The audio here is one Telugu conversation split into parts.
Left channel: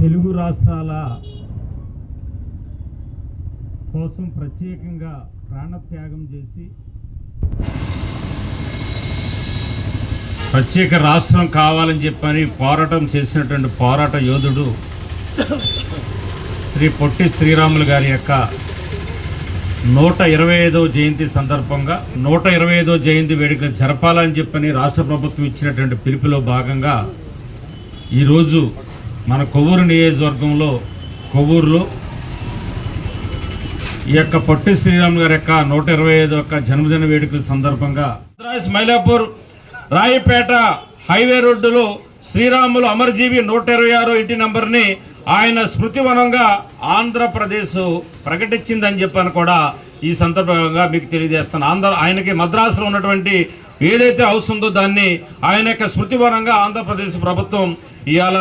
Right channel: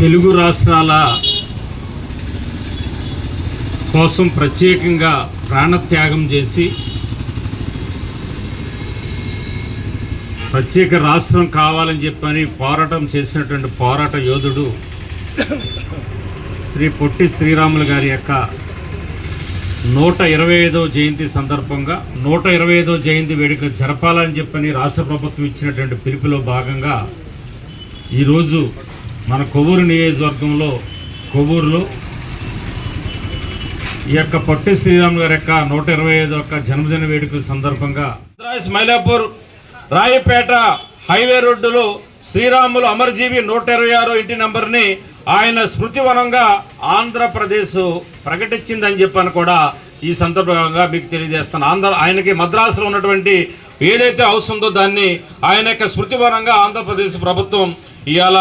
తెలుగు రాష్ట్రాల కోసం ప్రత్యేకంగా ప్రాణత్యాగం చేసి ప్రత్యేక రాష్ట్రం కావాలని చెప్పని పోరాటం చేసినటువంటి పోరాట యోధుడు శ్రీ పొట్టి శ్రీరాములు గారి యొక్క 125వ జయంతి సందర్భంగా 125వ జయంతి వేడుకలు జరపాలని చెప్పని రాష్ట్ర ప్రభుత్వం ఇచ్చినటువంటి పిలుపులో భాగంగా ఈరోజు మన కొవ్వూరు నియోజకవర్గంలో కొవ్వూరులో ఈ యొక్క పొట్టి శ్రీరాములు గారి యొక్క 125వ జన్మదిన వేడుకల సందర్భంగా మైలాపూర్ రాయపేట హైవే రోడ్డులో శ్రీరాములు అమరజీవి 126 ఇంటి నెంబర్ని ఆయన స్మృతివనంగా ఆంధ్రప్రదేశ్ ప్రకటించిందని చెప్పని కూడా ఈ సందర్భంగా మీకు తెలియజేస్తాను. ఆయనకి మద్రాసులో ఉన్నటువంటి ఏదైతే హౌస్ ఉందో దాన్ని ఆయన యొక్క స్మృతివనంగా ఆంధ్రప్రదేశ్ ప్రభుత్వం ఇవాళ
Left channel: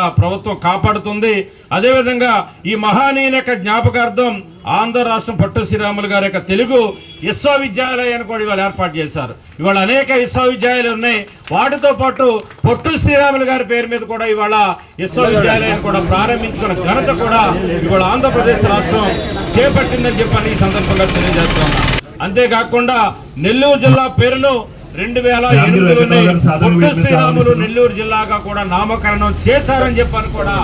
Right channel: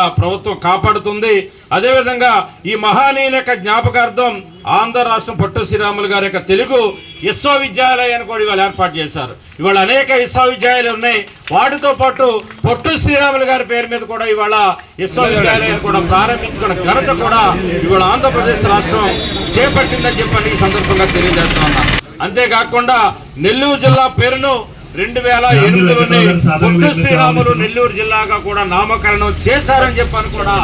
కాపాడుతుంది. అదేవిధంగా ఈ మహానీయుల యొక్క జ్ఞాపకార్థం ఆంధ్ర రాష్ట్రం పొట్టి శ్రీరాములు గారి యొక్క తెలుగు విశ్వవిద్యాలయాన్ని కూడా ఇవాళ ఏర్పాటు చేశారు. ఇవాళ అనేక విశ్వవిద్యాలయాలు ఉన్నాయి. వాటితో పాటు పొట్టి శ్రీరాములు గారి పేరు మీద కూడా ఇవాళ విశ్వవిద్యాలయాన్ని కూడా ప్రారంభించుకున్న ఘనత కూడా ఇవాళ ఆంధ్రప్రదేశ్ రాష్ట్రం చేపట్టిందని చెప్పని ఈ సందర్భంగా తెలియజేస్తున్నా. అంతేకాకుండా నెల్లూరు జిల్లా పేరును 2008 పొట్టి శ్రీరాములు నెల్లూరు జిల్లాగా కూడా నామకరణం చేశారని చెప్పని కూడా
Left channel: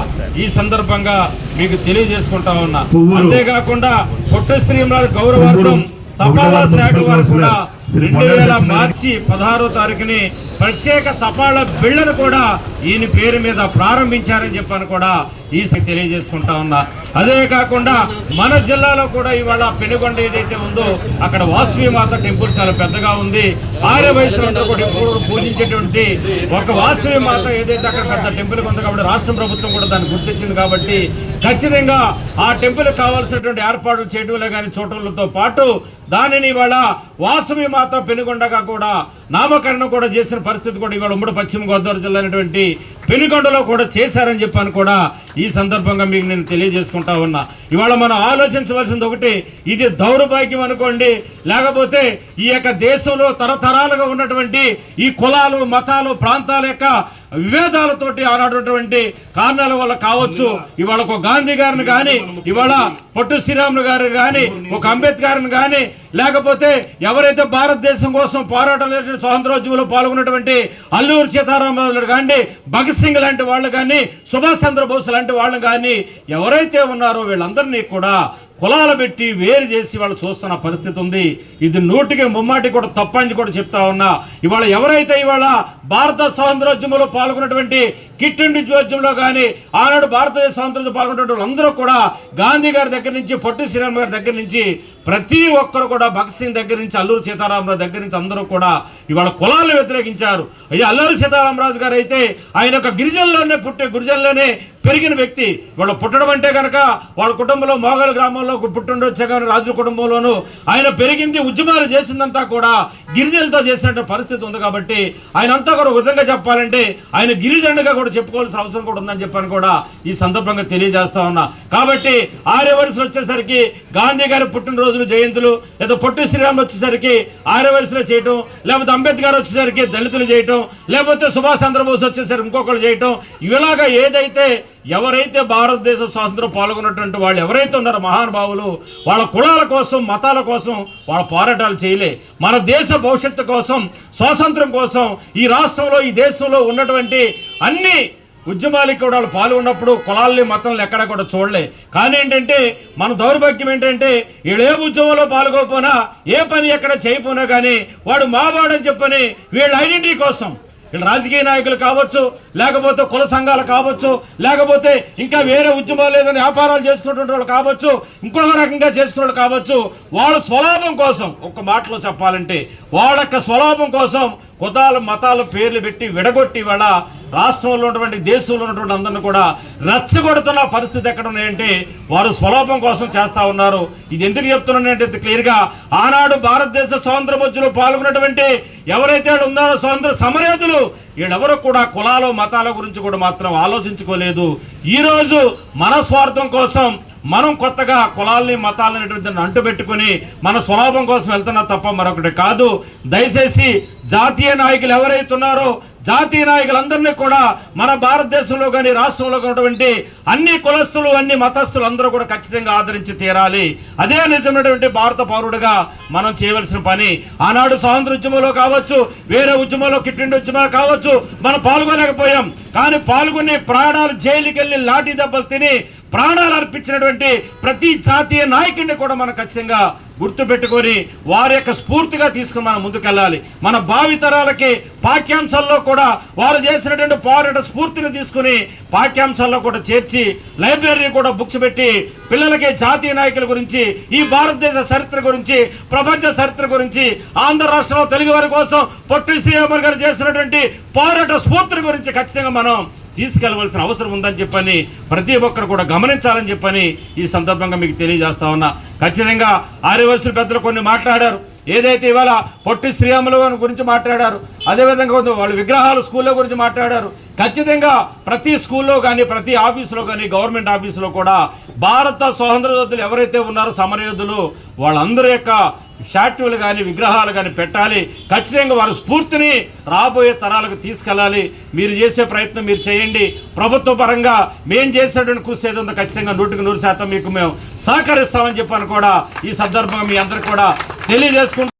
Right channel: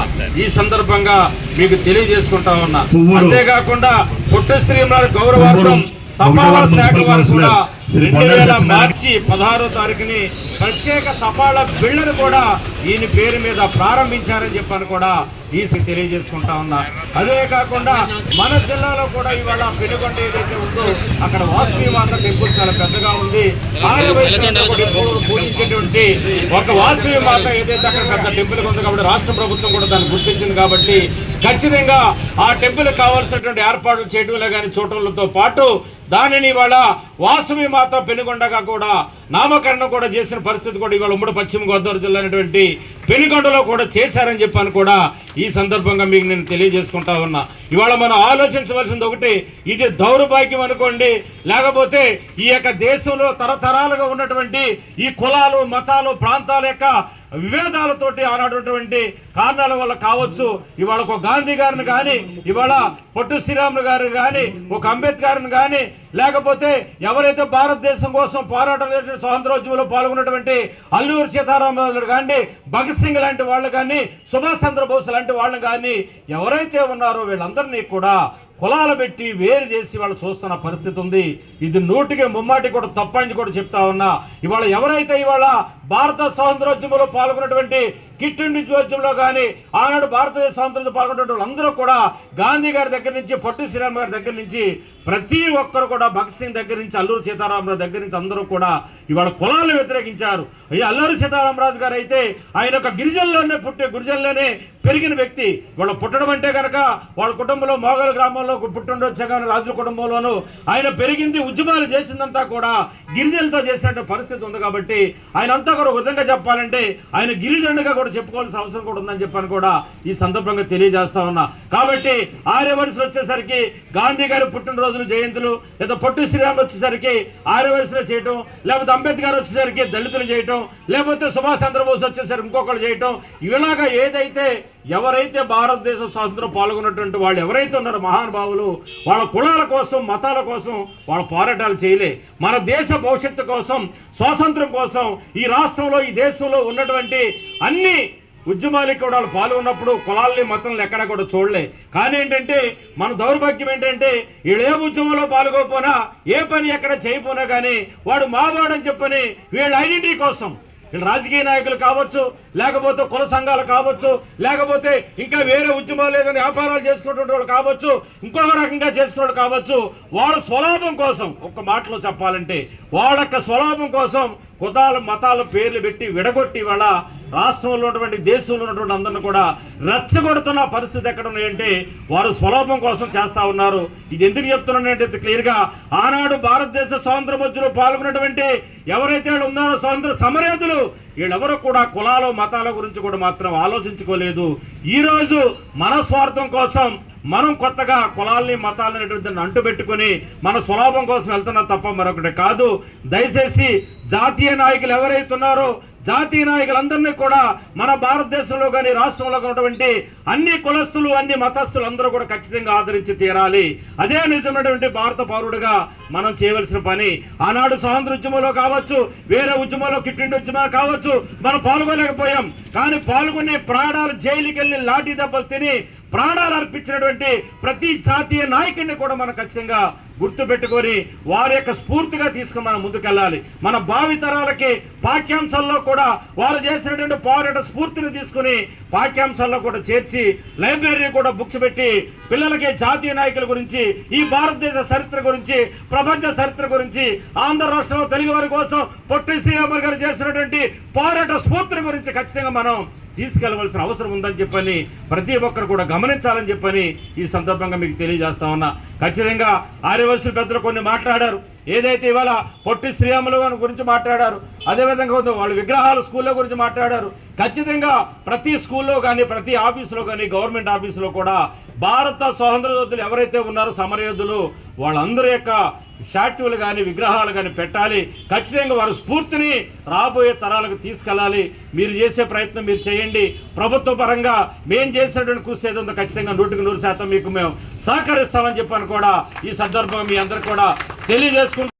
ఈ సందర్భంగా మీకు తెలియజేసుకుంటా ఉన్నా. అంతేకాకుండా పొట్టి శ్రీరాములు గౌరవార్థం తపాలా శాఖ వారు కూడా 2000 మార్చి 16వ తారీఖుని ప్రత్యేక తపాలా బిళ్ళను కూడా ఈయన పేరు మీద ప్రారంభించారని చెప్పని కూడా ఈ తెలియజేసుకుంటా ఉన్నా. అదే కాకుండా మన జిల్లాలో కూడా ఇవాళ పెనుగొండ ఏదైతే ఉందో అక్కడ వాసవి మాత టెంపుల్ చాలా పెద్దగా ఉంది. ఆర్య వయసులో పూజించేటువంటి ఒక వాసవి మాత ఏదైతే అక్కడ పెద్ద టెంపుల్ ఉంది కాబట్టి రాష్ట్ర ప్రభుత్వం కూడా దాన్ని గుర్తించింది. కాబట్టి ఖచ్చితంగా ఆ టెంపుల్ కావాల్సినటువంటి ఏర్పాట్లు చేయడంలో కానీ చూడటంతో పాటు దానిని ఇవాళ వాసవి మాత పెనుగొండగా కూడా నామకరణం కూడా చేసిన పరిస్థితి కూడా ఇవాళ ఉమ్మడి పశ్చిమ గోదావరి జిల్లా అయినటువంటి పెనుగొండలో కూడా చేశారని చెప్పని కూడా ఈ సందర్భంగా మీకు నేను తెలియజేసుకుంటా ఉన్నా. ఇవాళ మనం ఆలోచించవలసింది ఒకటి, ఇది దౌర్భాగ్యం అనుకోండి, లేకపోతే ఈ యొక్క దేశంలో తరతరాలుగా ఉన్నటువంటి ఈ కులాలు మతాలు ప్రాంతాల యొక్క విభేదాలతోటి ఆనాడున్నటువంటి కారణాల వల్ల కావచ్చు. ఇవాళ ఒక గాంధీ గారిని కానీ, ఇవాళ పొట్టి శ్రీరాములు గారిని కానీ, ఒక అంబేద్కర్ని కానీ, లేకపోతే ఎవరైతే భారతదేశం కోసం పోరాటాలు స్వాతంత్రోద్యమంలో పాల్గొన్నటువంటి అల్లూరి సీతారామరాజు కానీ, భగత్ సింగ్ లాంటి వాళ్ళు కానీ, సుభాష్ చంద్రబోస్ లాంటి వాళ్ళు కానీ ఎవరైతే ఉన్నారో వీళ్ళందరినీ కూడా కులాలు పెట్టి వేరు చేసి వాళ్ళు చూస్తున్న పరిస్థితి ఉంది. ఇది 100కి 3 కూడా తప్పని కూడా చెప్తా ఉన్నా. ఇవాళ ఎవరైతే ఇవాళ భారత స్వాతంత్రోద్యమంలో పాల్గొన్నటువంటి కిట్ ఇండియా ఉద్యమంలో కానీ ఆనాడు భారతదేశ స్వాతంత్రంలో పాల్గొన్నటువంటి వాళ్ళందరూ కూడా గాంధీ గారి దగ్గర నుంచి పొట్టి శ్రీరాములు గారి దగ్గర నుంచి ప్రతి ఒక్కరు కూడా భగత్ సింగ్ దగ్గర నుంచి అల్లూరి సీతారామరాజు దగ్గర నుంచి అందరూ కూడా ఇవాళ కులాలను వ్యతిరేకించారు. అల్లూరి సీతారామరాజు గారు అయితే ఆయన ఒక గిరిజనులోనే గురిజనులోనే పెరిగిన వ్యక్తి. ఇవాళ పుట్టడం అంటే కనుక వాళ్ళ కుటుంబంలో మోగల్ గ్రామంలో పుట్టుండొచ్చా కానీ రాజుల కుటుంబంలోనూ ఆయన పెరిగింది ఉద్యమాలు చేసిందంతా కూడా గిరిజనులతో చేసినటువంటి పరిస్థితి ఉంది. కాబట్టి ఆయన అంతా కూడా ఒక విధంగా చెప్పాలంటే ఆయన గిరిజనుడిగా కూడా చెప్పుకోవాల్సిన అవసరం కూడా ఉందని చెప్పని కూడా ఈ సందర్భంగా తెలియజేస్తా ఉన్నా. కాబట్టి ఆర్యవయసులు వచ్చేసరికి గాంధీ గారి పుట్టినరోజులు జయంతులు, లేదా పొట్టి శ్రీరాములు వచ్చేసరికి ఆర్యవయసులో చేయటం, లేకపోతే అంబేద్కర్ వచ్చేసరికి దళితులు చేయటం, లేకపోతే సుభాష్ చంద్రబోస్ వచ్చేసరికి ఇంకొకరు చేయటం, ఇలాగా ఏదైతే ఎవరైతే భారతదేశ స్వాతంత్రం పాల్గొన్నటువంటి వాళ్ళు ఎవరైతే ఉన్నారో మహానుభావులు వాళ్ళ కులాల కోసం మతాల కోసం వాళ్ళ పోరాటాలు చేయలే. మన దేశ భవిష్యత్తు కోసం స్వాతంత్రం కోసం ఈ రాష్ట్రంలో ఈ దేశంలో ఉన్నటువంటి అన్ని ఉద్యమాలకు కూడా వాళ్ళు పాల్గొన్నప్పుడు కులాలని మతాలను ఎక్కడ కూడా చూడలే. కానీ ఏంటంటే మన దౌర్భాగ్యం ఏంటంటే వీళ్ళు ఏ ఉద్యమంలో పాల్గొపోయినా ఏ పని ఎక్కడ చేయకపోయినా కానీ వాడు మావాడని చెప్పని వీళ్ళ ఐడెంటిటీ కోసం వీళ్ళు రాజకీయ నాయకులు కావచ్చు, లేకపోతే కుల సంఘాలు కావచ్చు, లేకపోతే ఇంకా వేరే ఉద్యమాలు ఏదైనా వ్యాపారాలు చేసుకున్నటువంటి వాళ్ళు కావచ్చు, ఇంకొక రకంగా చేసుకున్న వాళ్ళు కావచ్చు, వాళ్ళ స్వలాభం కోసం ఒక్క మాటలో చెప్పాలంటే వాళ్ళ యొక్క స్వలాభం కోసం కులాలు మతాలు పేర్లు పెట్టి విడగొట్టి వాళ్ళ రాష్ట్రంలో ఉన్నటువంటి దేశంలో ఉన్నటువంటి అందరిని కూడా రెచ్చగొడుతున్న పరిస్థితి ఎక్కడ ఉన్నాయంటే వారు స్వలాభం కోసం చేస్తా ఉన్నారు. ఇది ఎందుకు చెప్తున్నానంటే క్లియర్గా ఆనాడు భారతదేశ స్వాతంత్ర ఉద్యమంలో పాల్గొన్నటువంటి ఎవరైతే ఉన్నారో స్వాతంత్ర సమరయోధులు వీళ్ళెవరూ కూడా కులాలు మతాల గురించి కూడా మాత్రం ఆలోచించుకోలేదు. ఈరోజు మన స్వార్థం కోసం మనం కొత్తగా కులాల్ని మతాలని అంటుపెట్టుకుని మన స్వలాభం కోసం వెళ్తున్నా తప్ప మరొకటి కాదు. దయచేసి జాతీయ నాయకులు ఎవరైతే ఉన్నారో జాతీయ నాయకులందరినీ కూడా మన భారతదేశంలో కానీ రాష్ట్రంలో ఉన్నటువంటి అన్ని కులస్తులు అన్ని మతస్థులు అందరూ కూడా ఖచ్చితంగా ఆదరించి తీరాలి. అదే నిజమైనటువంటి భారత పౌరుడిగా మనం చేయవలసిన పని. ఆనాడు స్వాతంత్ర ఉద్యమంలో కావచ్చు, వేరే ఉద్యమంలో కిట్టిండి ఉద్యమాలు కావచ్చు, మనం పాల్గొనలేకపోయాం. కానీ పాల్గొని ప్రాణాలు జైలుకి వెళ్ళి లాఠీ దెబ్బలు తిని ప్రాణాలు అర్పించినటువంటి ప్రతి జాతీయ నాయకుడిని కూడా మనం ఖచ్చితంగా గుర్తుపెట్టుకొని వారి యొక్క స్ఫూర్తిగా తీసుకుని మనం ముందుకెళ్ళాలి. మన భావితరాలకి పాఠ్యాంశాల్లో కూడా వారు చేసినటువంటి పోరాట స్ఫూర్తిని తీసుకుని పాఠ్యాంశాల్లో కూడా చేర్చి లైబ్రరీ కూడా బుక్స్ పెట్టి పిల్లలకి జాతీయ నాయకుల గురించి, ఈ భారతదేశ చరిత్ర గురించి, ప్రపంచ చరిత్ర గురించి, ఆంధ్ర రాష్ట్రంలో తెలుగు వారి కోసం పొట్టి శ్రీరాములు గారు చేసినటువంటి పోరాట స్ఫూర్తిని గురించి ఖచ్చితంగా మనం తీసుకెళ్లవలసిన అవసరం ఉందని చెప్పని ప్రతి ఒక్కరు కూడా గమనించాలని చెప్పని ఈ సందర్భంగా మీకు తెలియజేస్తా ఉన్నా. ఖచ్చితంగా ఆర్యవయసుల పెద్దలు కొన్ని మాట్లాడారు. ఏదైతే ఇవాళ పొట్టి శ్రీరాములు గురించి మాట్లాడారు, అదేవిధంగా వాళ్ళ విగ్రహాలు స్కూళ్ళ గురించి మాట్లాడారు. ఖచ్చితంగా ప్రతి స్కూల్లో కానీ ప్రతి ఆఫీసులో కానీ గవర్నమెంట్ ఆఫీసులో కూడా భారత స్వాతంత్ర యోధులు ఎవరైతే ఉన్నారో సమరయోధులు వాళ్ళందరి యొక్క స్టాట్యూలు కానీ విగ్రహాలు కానీ పెట్టాలి. ఖచ్చితంగా వారి స్ఫూర్తిని రాబోయే తరాలకు తీసుకెళ్ళాలి. మీరు చేసే ప్రయత్నం మీరు చేయండి. ప్రభుత్వ పరంగా మేము చేసేటువంటి కృషి ఏదో ఖచ్చితంగా 100% మీకు మేము సహకరిస్తామని చెప్పని కూడా ఈ సందర్భంగా మీ అందరికీ కూడా తెలియజేసుకుంటాం.